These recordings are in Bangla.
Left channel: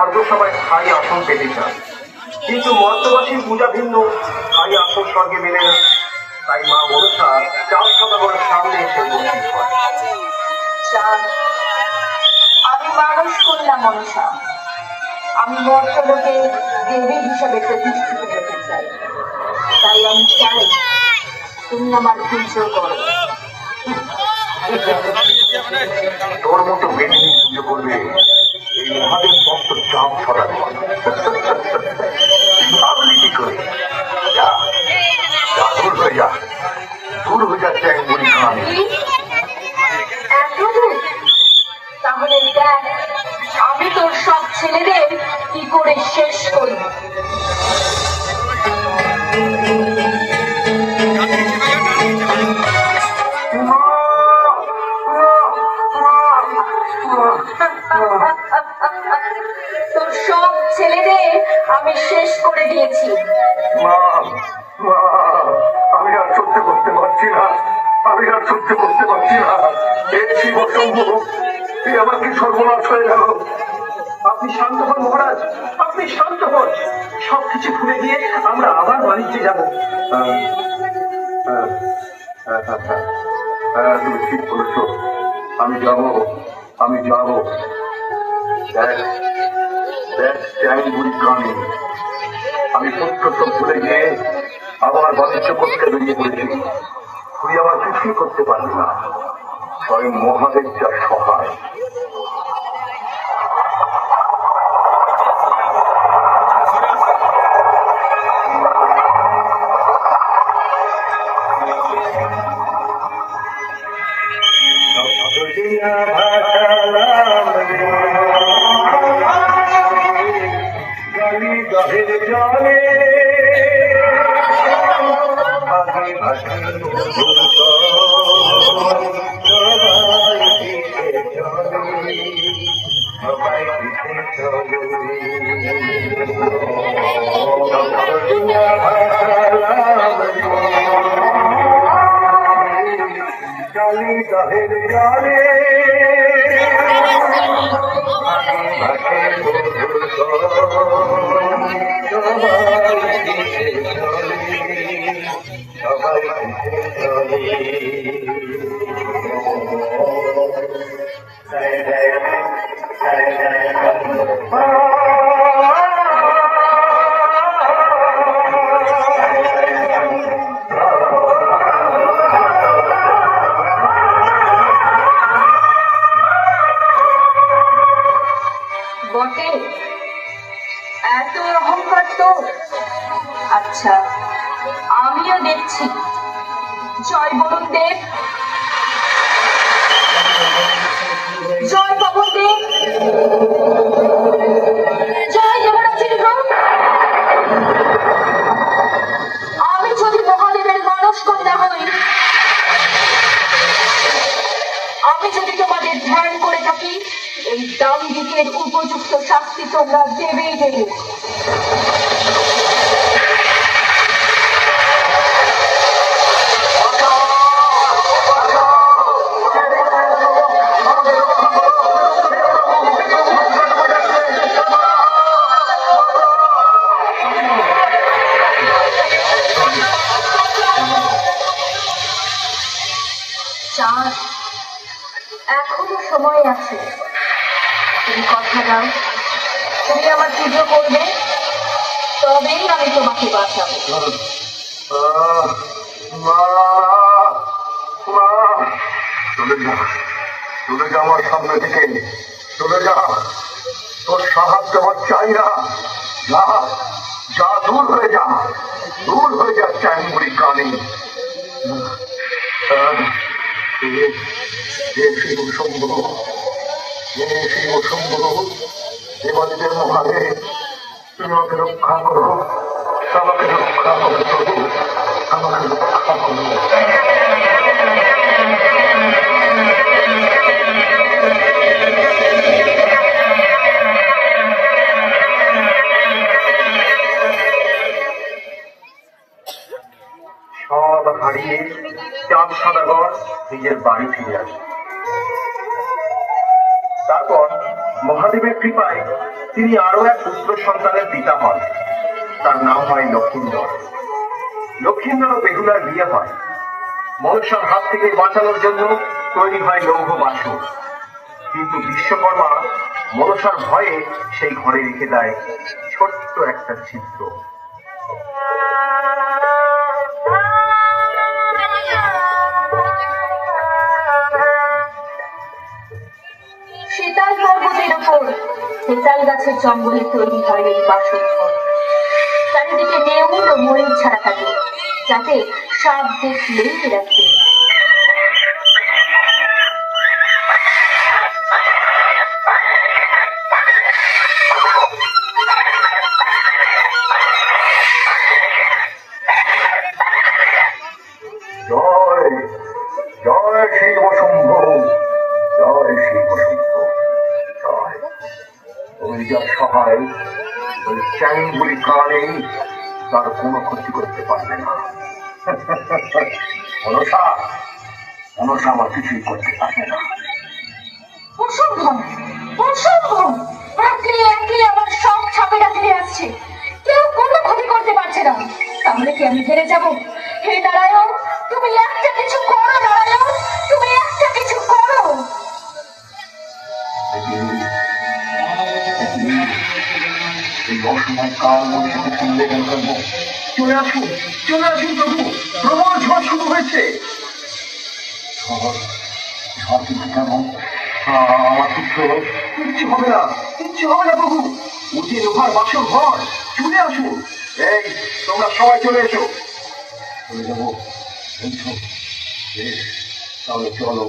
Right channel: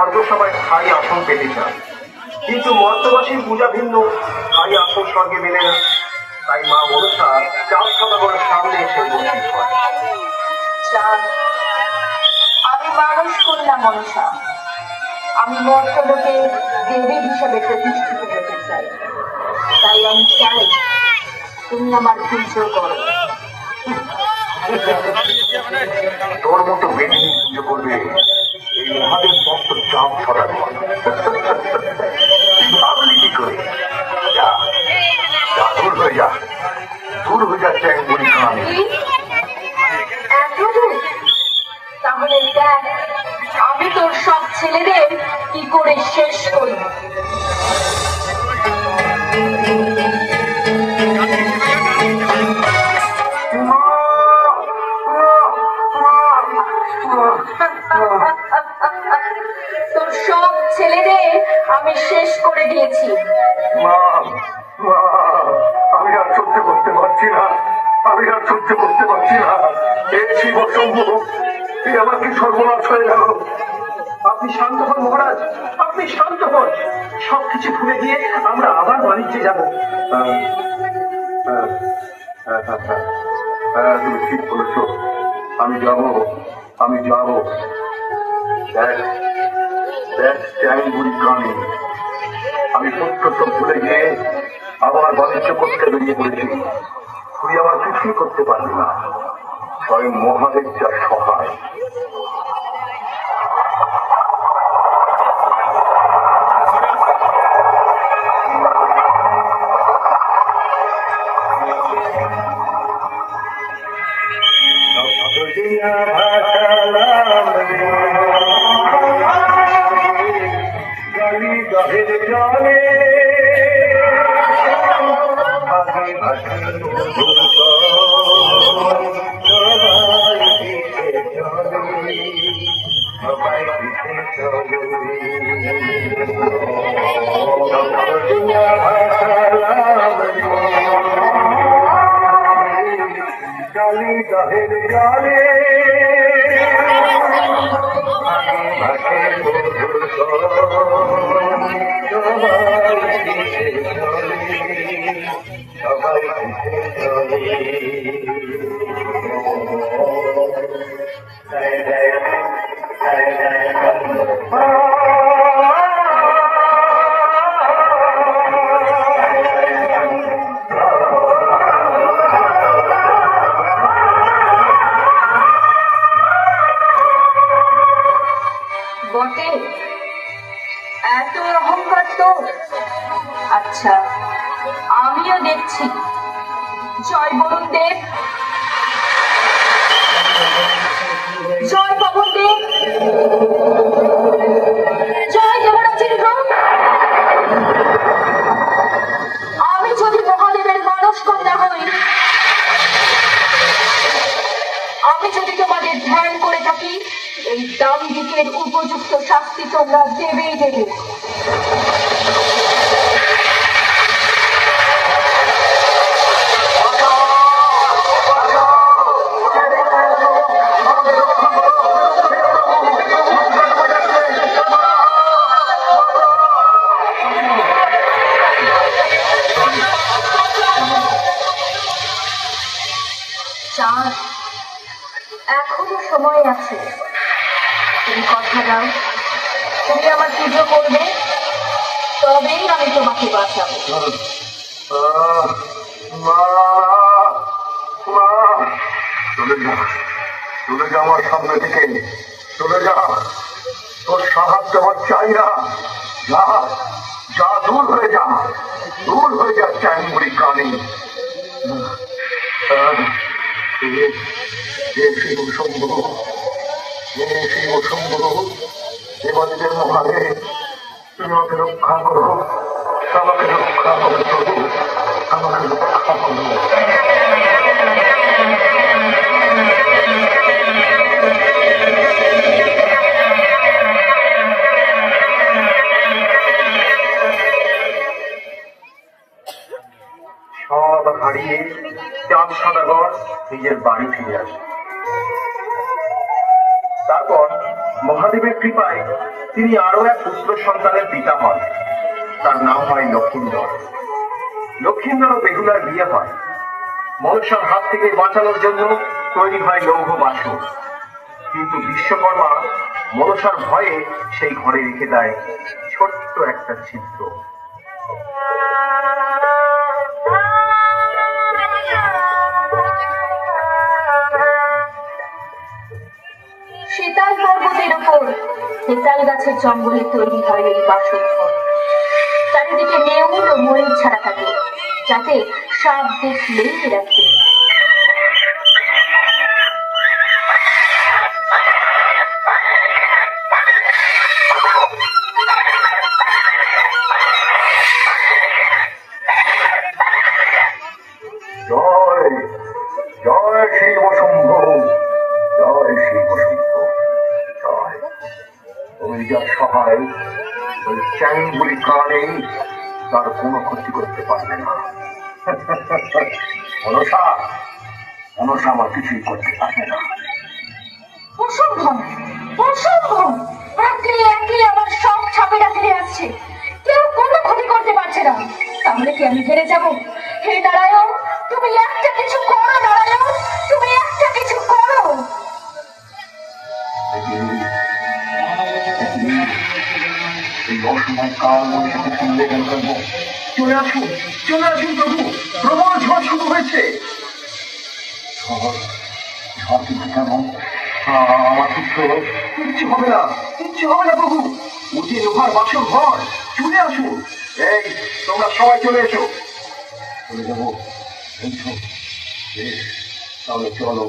স্বর্গসভায় স্থায়ী আসন পেতে চান, কিন্তু মর্তবাসী পূজা ভিন্ন স্থায়ী আসন স্বর্গে মেলে না। তাই মা মনসা চাঁদ সদাগরের সামনে এসে উপস্থিত হয়। আমি মানুষ কন্যা মনসা, আমি মর্তলোকে দেবী হিসেবে প্রতিষ্ঠিত হতে চাই। তাই আমি চাই তুমি আমার পুজো করো। তোর মতো বেটি পুজো করবে এই মহাদেব ভক্ত চাঁদ সদাগর? ভাবলি কি করে? যা যা, দূর হয়ে যা, দূর হয়ে যাচ্ছে এক মুড়ি খাওয়ানি। তাহলে দেখ আমি তোর সব ছেলেদের কি করে শেষ করি। তোর সব ছেলেদের আমি শেষ করে দিয়েছি। আমি আর সহ্য করতে পারছি না, আমি আর সহ্য করতে পারছি না। এই আমার কি সর্বনাশ হয়ে গেল। আপনি শান্ত হন মহারাজ, আপনি শান্ত হন। সবকিছু ভুলে গিয়ে আমরা আবার বাণিজ্যে যাবো। তুমি ঠিক বলেছ, আমি যাবো, আমি যাবো। আমি সত্য সব ভুলে গিয়ে আবার বাণিজ্য করতে বেরিয়ে পড়েছি। তুই আমার কিছুই করতে পারবি না, স্বয়ং মহাদেব যা সহায়। এত অহংকার তো? আচ্ছা, আমিও দেখছি। জয় বরুণ দেব, জয় পবন দেব, জয় দেবরাজেন্দ্র। আমি যদি মহাদেবের মানস কন্যা হই, আমি যদি তোমাদের ধ্যান করে থাকি, এই দাম্ভিকের উপযুক্ত শাস্তি তোমরা দেবেই দেবে। এখনো সময় আছে, তুমি কথা দাও, তুমি আমার পুজো করবে, তবেই আমি তোমাকে বাঁচাবো। চলে যা, চলে যা আমার সামনে থেকে, চলে যা। তোর সাহায্য আমার চাই না। যা যা, দূর হয়ে যা, দূর হয়ে যা চ্যাংমুড়ি কানে। দেবাদেবের মহাদেব, তুমি আমাকে রক্ষা করো, আমাকে রক্ষা করো, আমাকে রক্ষা করো। সব হারিয়ে চাঁদ সদাগর নিজের বাড়ি ফিরে আসে। তারপর মহাদেবের কৃপায় তিনি আরো এক পুত্র সন্তানের পিতা হন। তার নাম হয় লক্ষিন্দর। লক্ষিন্দর ও বেহুলার বিয়ে হয়। মনসার হাত থেকে বাঁচানোর জন্য তৈরি হয় লৌহ বাসন। কিন্তু বিশ্বকর্মা মনসার ভয়ে সেই ঘরে রেখে দেয় ছোট্ট একটা চিত্র। শীতল পর্বতের ওপর তেতাল গাছের জঙ্গলে তৈরি হয় এই বাসন ঘর। চারিদিকে নেউল ও ময়ূর ছাড়া থাকে, যাতে সাপ দেখলেই রাখে। জয় জয় শিবশম্ভ, জয় শিবশম্ভ, জয়। ওই যার সহায় ওই চ্যাংগুলি কারণেই তার কোনো ক্ষতি করতে পারবে না। মনসা মনসা আমার কিছুই করতে পারবে না। অসম্ভব, অসম্ভব! একলে একলে আমার সব ছাপেরা ফিরে আসছে, কেউ কোনো ক্ষতি করতে পারছে না। তাহলে কি আমি হেরে যাব? হে নারায়ণ, তুমি একটা কিছু করো নারায়ণ, তুমি একটা কিছু করো। এই অসময় কাল মনসাকে শুনলে চলে আসুন, চলে আসুন প্রভু, প্রবল ঝড় শুরু হয়েছে। ঝড় কিন্তু কেমন? আমার পুত্র কিচ্ছু হবে না, কিচ্ছু হবে না প্রভু। উঁচি লোহার বাসর ঘর, চলে আসুন। এই তোমরা সবাই চলে এসো। চলে যাবো এসো, বেশ, তাহলে চলো।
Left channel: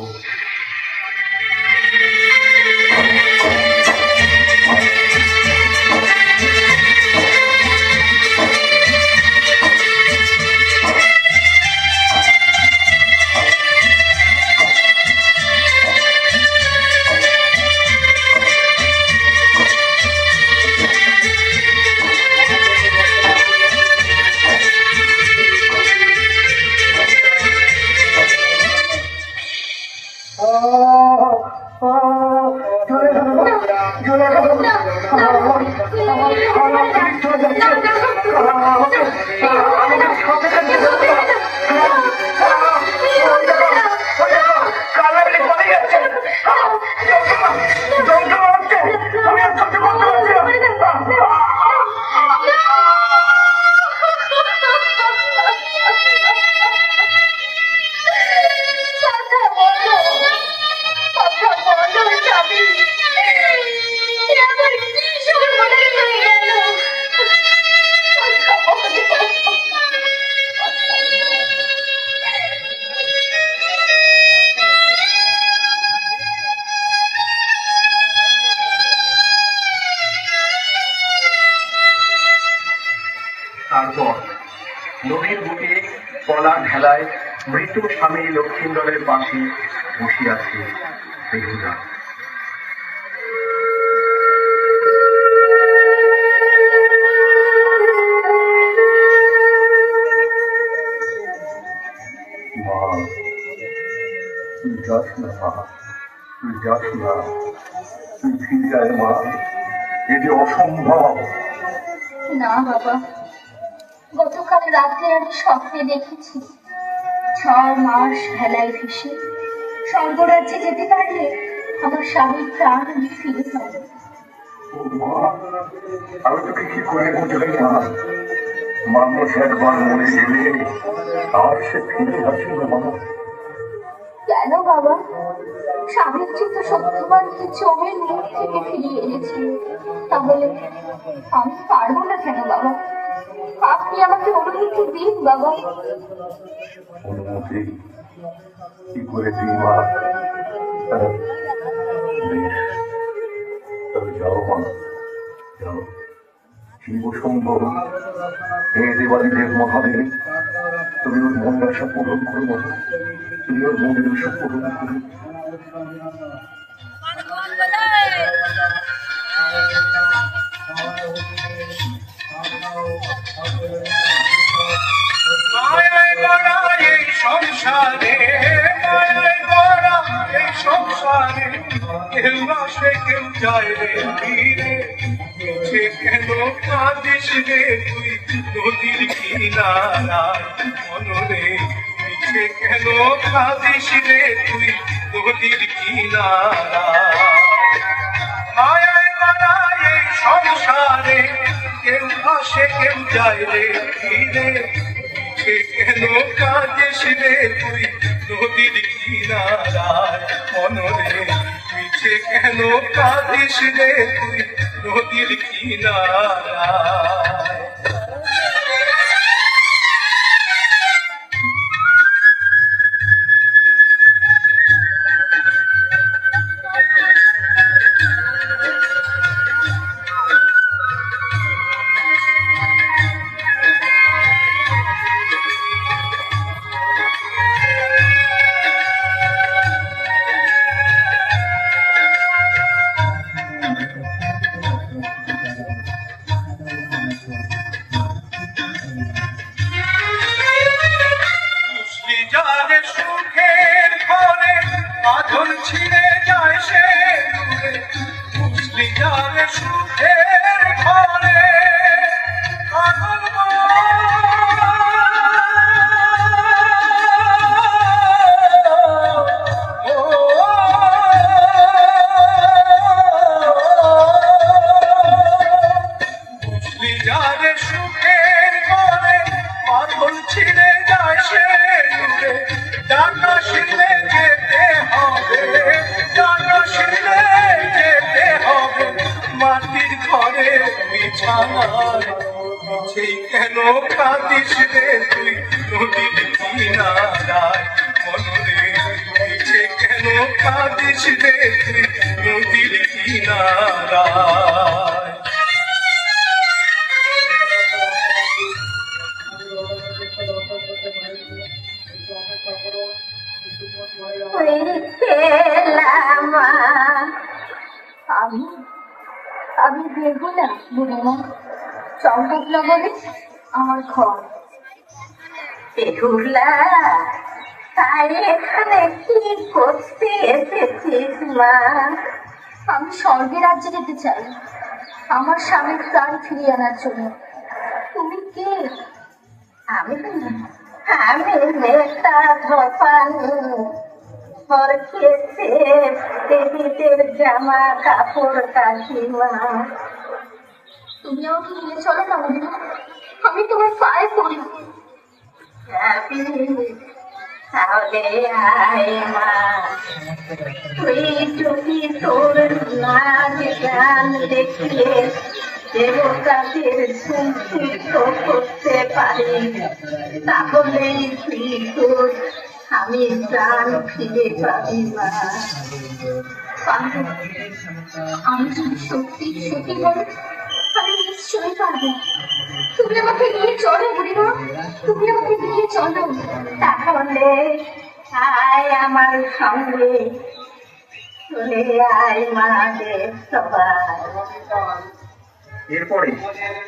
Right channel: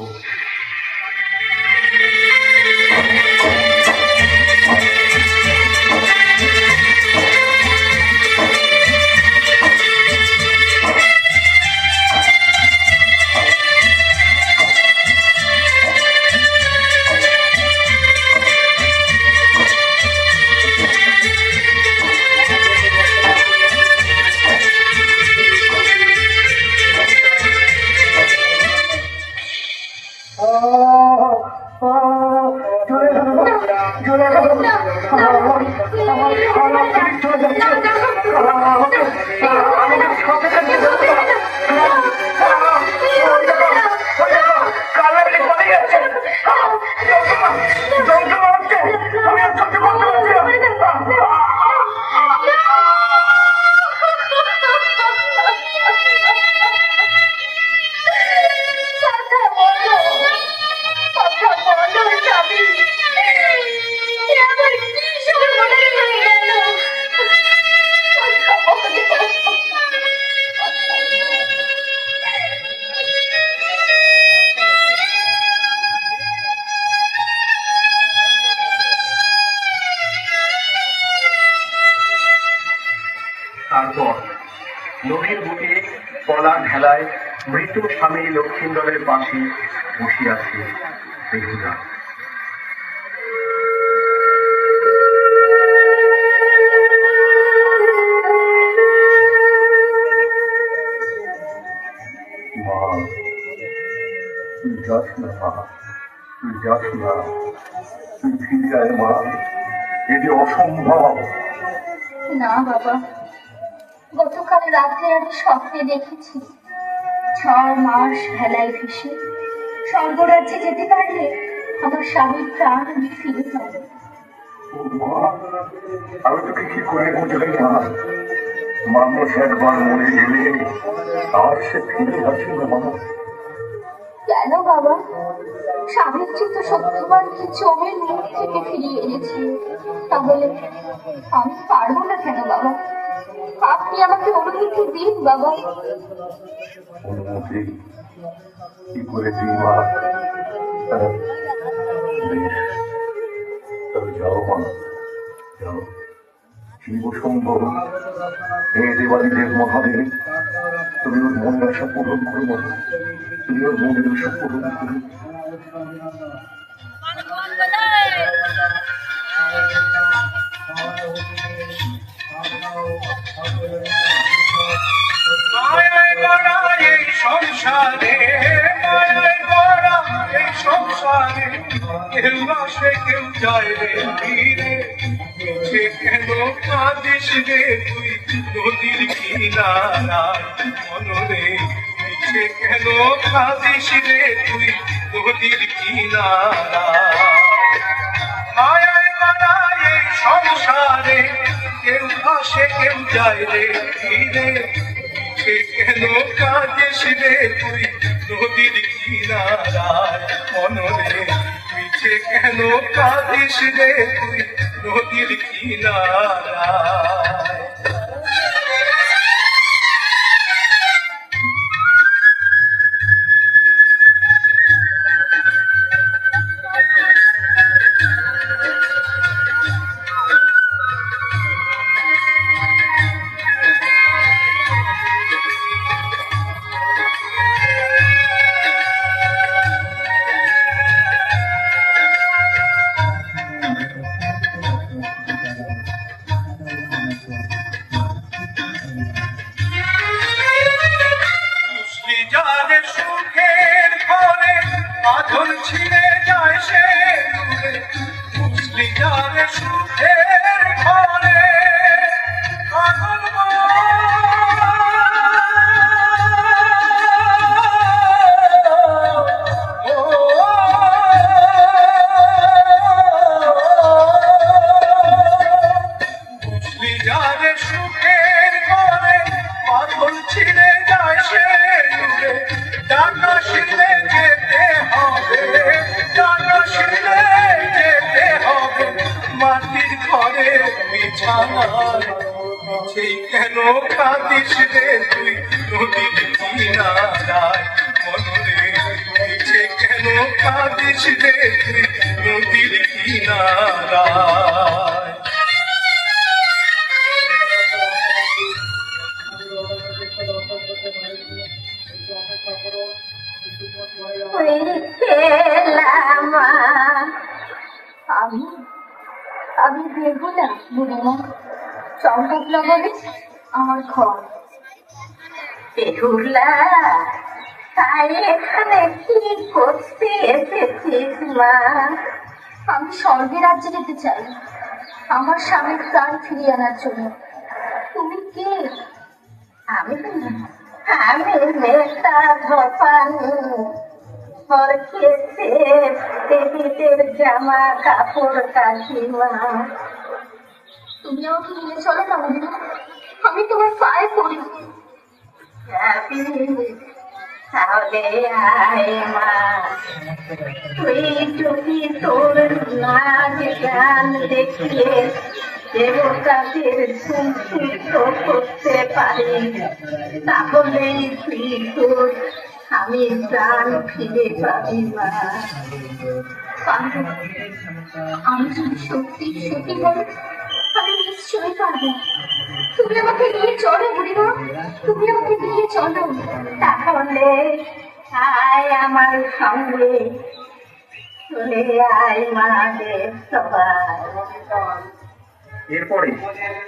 তারপর নদীর বুকে পলার ঢালায় মৃত স্বামী লক্ষিন্দরের পাশে বসে আছে বেহুলা। মা, তুই যাস না মা, তুই যাস না, তুই ফিরে আয় মা, এ যে অসম্ভব। না বাবা, গতকাল রাতে আমি স্বপ্নে দেখেছি 6 মাস ভেলায় ভেসে স্বর্গরাজ্যে যেতে পারলে আমার স্বামীর প্রাণ আমি ফিরে পাবো। আমি তো কিছু করে বোঝাই না, মানুষ একবার মরে গেলে আর সে ফিরে আসে না মা। কেন বাবা? স্বামীর চিত্ত সত্যবানকে জমের মুখ থেকে ফিরিয়ে এনেছি, তাহলে আমি পারবো না কেন বাবা? আপনি আমাকে অনুমতি দিন বাবা। অনুমতি কি করে দিই মা? বেশ, তবে যাও মা, যাও। শিবশম্ভ, হে দেবাদিদেব মহাদেব, তুমি ওর মনের আশা পূরণ করো বাবা, তুমি ওর মনের আশা পূরণ করো। সংসারে মায়ের গড়া এই সংসারে কেউ আসে কেউ যায় রে ফিরে কাঁদিস রে তুই নদীর কিনারায় মনরে মিছে কেন কাঁদিস রে তুই নদীর কিনারায় আয় আয় বাড়ায় এই সংসারে কেউ আসে কেউ যায় রে ফিরে মিছে কেন কাঁদিস রে তুই নদীর কিনারায় মনরে মিছে কেন কাঁদিস রে তুই নদীর কিনারায় যারে সুখের ঘরে আধন ছিঁড়ে যায় সে দূরে মুসলি যারে সুখের ঘরে আধন মুসলি যারে সুখের ঘরে আধন ছিঁড়ে যায় সে ডানা শিলে যেতে হবে ডানা শিলে যেতে হবে মাটির ঘরে বিছানায় মিছেই কেন কাঁদিস রে তুই নদীর কিনারায় মনরে মিছে কেন কাঁদিস রে তুই নদীর কিনারায় আমি আমি বেহুলা বুড়িমা চম্পকলা বলে আমার ঘর বেহুলা তাই এখানে কি করতে এসেছিস মা আমি স্বর্গে রাজ্যে যেতে চাই আমার স্বামীর প্রাণ ফিরিয়ে আনার জন্য তুমি কে আমি আমি নেতা ধপানি দেবীদের জামা কাপড় কাকিমা তুমি আমাকে নিয়ে চলো না বুঝিমা আমি তোমার পায়ে পড়ি তাহলে আয় মা তুই যদি তোর নাচ গান দেখিয়ে দেবতাদের সুস্থিত করতে পারি তাহলে তুই তোর আমি প্রাণ ফিরে পাবি মা আমি যদি সত্যি সত্যি বলো আমি নিশ্চয়ই পারবো তুমি আমাকে নিয়ে চলো বুড়িমা তুমি আমাকে নিয়ে চলো তাহলে আয় আমার সঙ্গে চলে আয় মাঝে সবাই এরপরে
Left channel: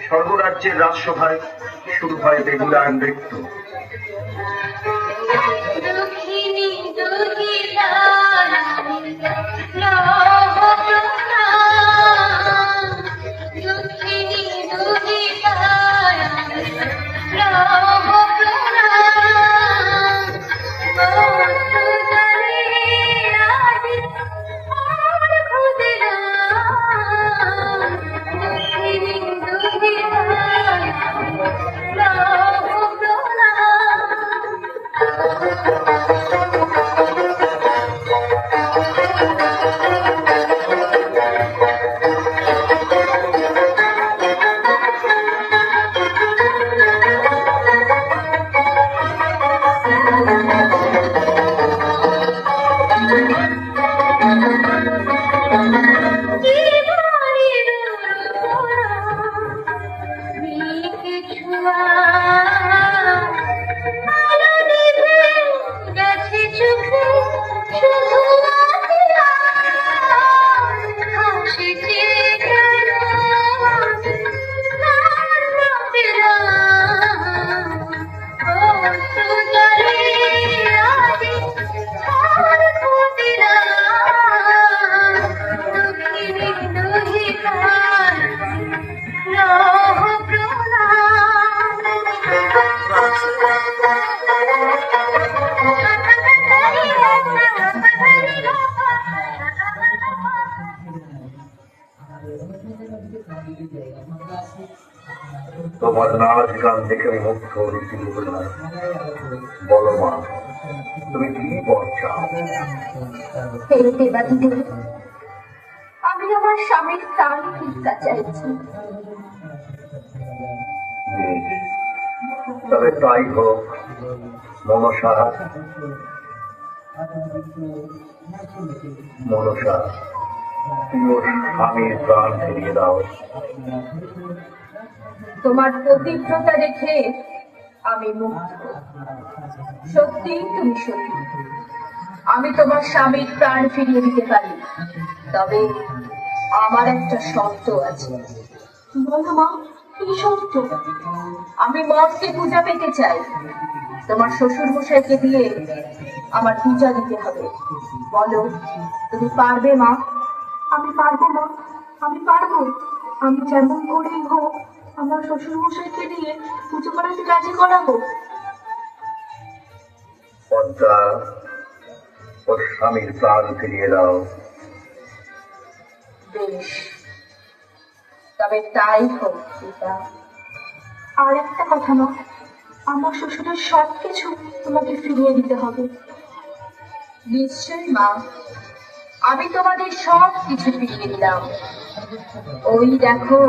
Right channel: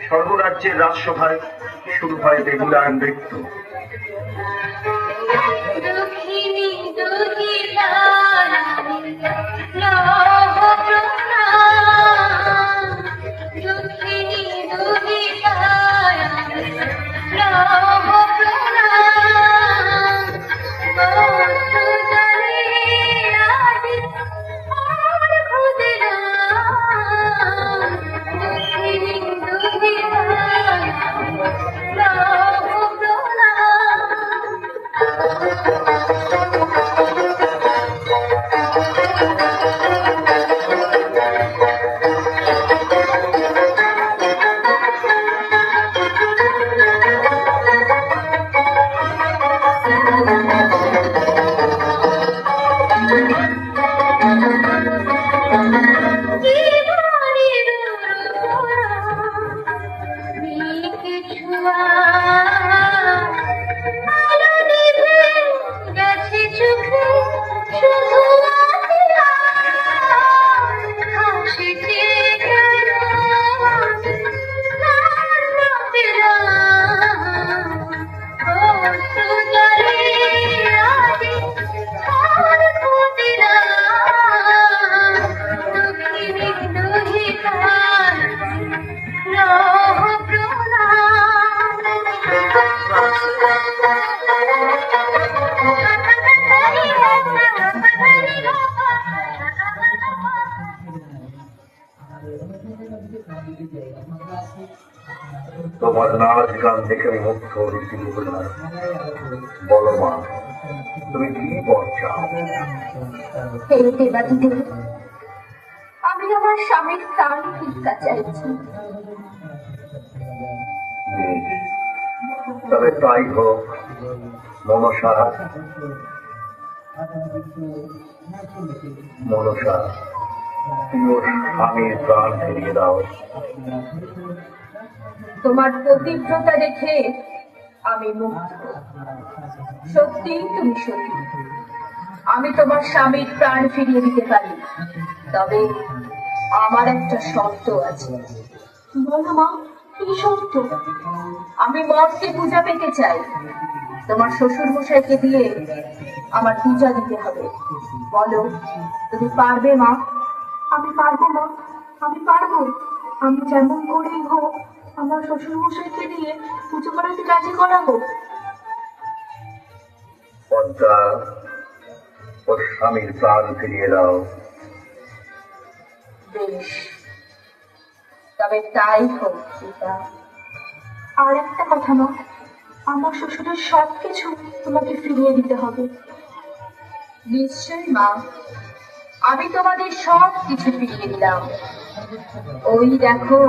স্বর্গরাজ্যের রাজসভায় শুরু হয় বেহুলার নৃত্য। তোমার নাচ গান দেখে আমি মুগ্ধ হয়েছি না। বলো মা, তুমি কি বল চাও? হে দেবাদিদেব, আমি আমার স্বামীর প্রাণ ভিক্ষা চাইছি। তবে তাই হোক মনসা। মনসা, তুমি ওর স্বামীর প্রাণ ফিরিয়ে দাও। তোমার পবিত্রতা দেখে আমি মুগ্ধ। সত্যি তুমি সত্যি, আমি তোমার স্বামীর প্রাণ ফিরিয়ে দিতে পারি। তবে আমার একটা শর্ত আছে। বলো মা, কি শর্ত? আমি মঠকে পূজা পেতে চাই। তোমার শ্বশুর মশাইকে দিয়ে আমার পূজা দিতে হবে। বলো, তুমি পারবে মা? আমি পারবো মা, আমি পারবো। আমি যেমন করেই হোক আমার শ্বশুর মশাইকে দিয়ে পুজো করাতে রাজি করাবো। পদ্মা, ওর স্বামীর প্রাণ ফিরিয়ে দাও। বেশ, তবে তাই হোক পিতা। আর একটা কথা মা, আমার শ্বশুরের সবকিছু তোমাকে ফিরিয়ে দিতে হবে। নিশ্চয়ই মা, আমি তোমাদের সব কিছু ফিরিয়ে দিলাম। ওই দেখো।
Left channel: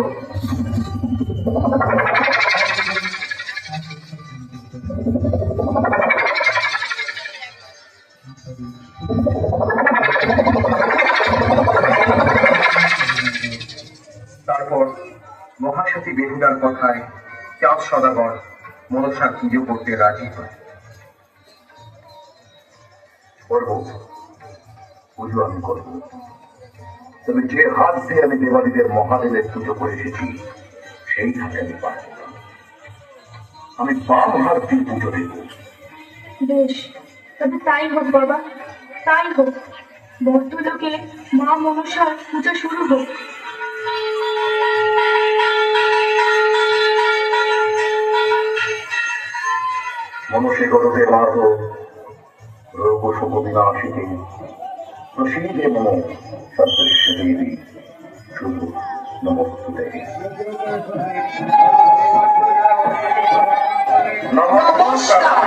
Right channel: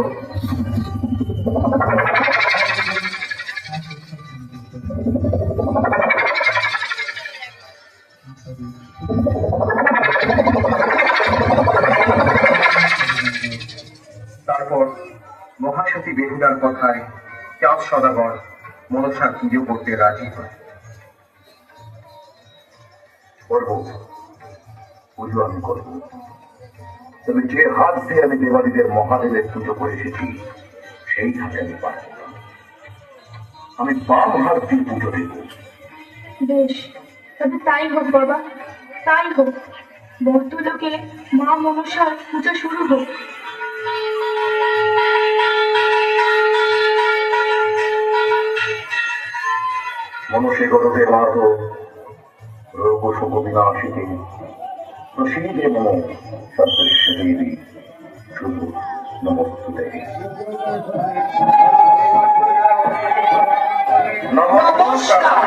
তারপর মহাসতী বেহুদার কথায় চাঁদ সদাগর মনসার পুজো করতে রাজি হয়। করবো, পুজো আমি করবো। তবে যে হাত দিয়ে আমি দেবালীদের মহাদেবের পুজো করে এসেছি সেই হাতে আমি পারব না। আমি বাম হাত দিয়ে পুজো দেব। বেশ, তবে তাই হোক বাবা, তাই হোক। বর্তলোকে মা মনসার পুজো শুরু হোক। মনুষ্য গরবে মার্গ রোগ শুভ বিনাশিনী প্রসীদে মন সদৃশ্য দেবী শুধু নমস্তুতে। নমস্কার।